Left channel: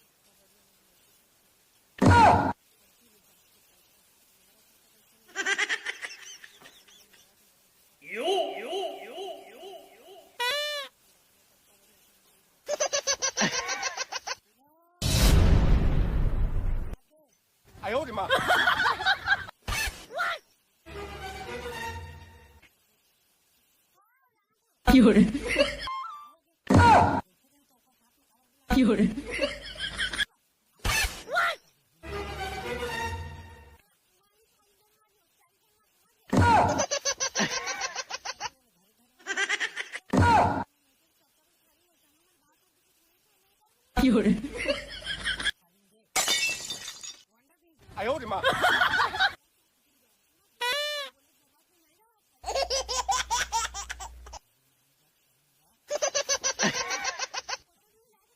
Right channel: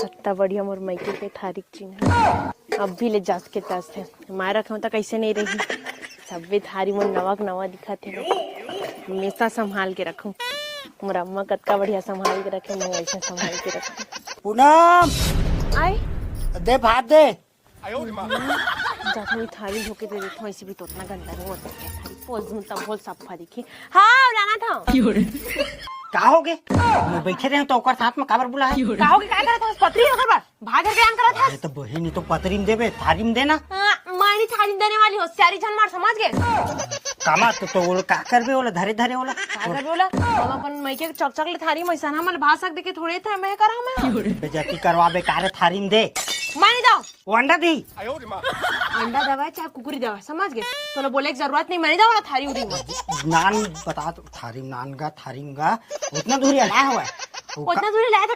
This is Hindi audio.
कितना बढ़िया मोर मायके के थारिक चिन्ह अब भी ले जास के तास है माय रखा तो कैसे नहीं रही सबे थारी मोर नवा दिखा थे हमेशा संभाल के रखूं मोर अम्मा कतका बढ़िया संभाल के रखे मैं ऐसा संभाल के रखूं पूनम आए दे भात दे जाके थारी होके तो देखो ऐसे भी तो इतना गंदा नहीं होता पोज में तब बोल सब फाड़ी की हाँ लाना था का हो गे बैठे रहे तो ओकर साथ में काबर बुला का हो क्या करता है पत्री होकर बस भाग के काम करा था तो बहिनी तो पतरी में देबे थारी में देना मानी थारी देने वाली हो सारी जन मार समझ गए कामा तो वो का करबे ओला धरे धरे ओला का कर बोला अपन मई के चकचक ले थारी मैसा हमन भाषक देके थोड़े थे मैं करा मैं बेजती करवाबे कारे थारी में दे मानी जाओ वो अंडा दी अंडा दवा चाहे कुकुरी दवा समझ गए तो बोले की जरूरत नहीं मानी जाओ ना थारी उड़ी नान बता तो थारी नान गा थारी गा उतना दूरी आया हुआ उतना दूरी लाया था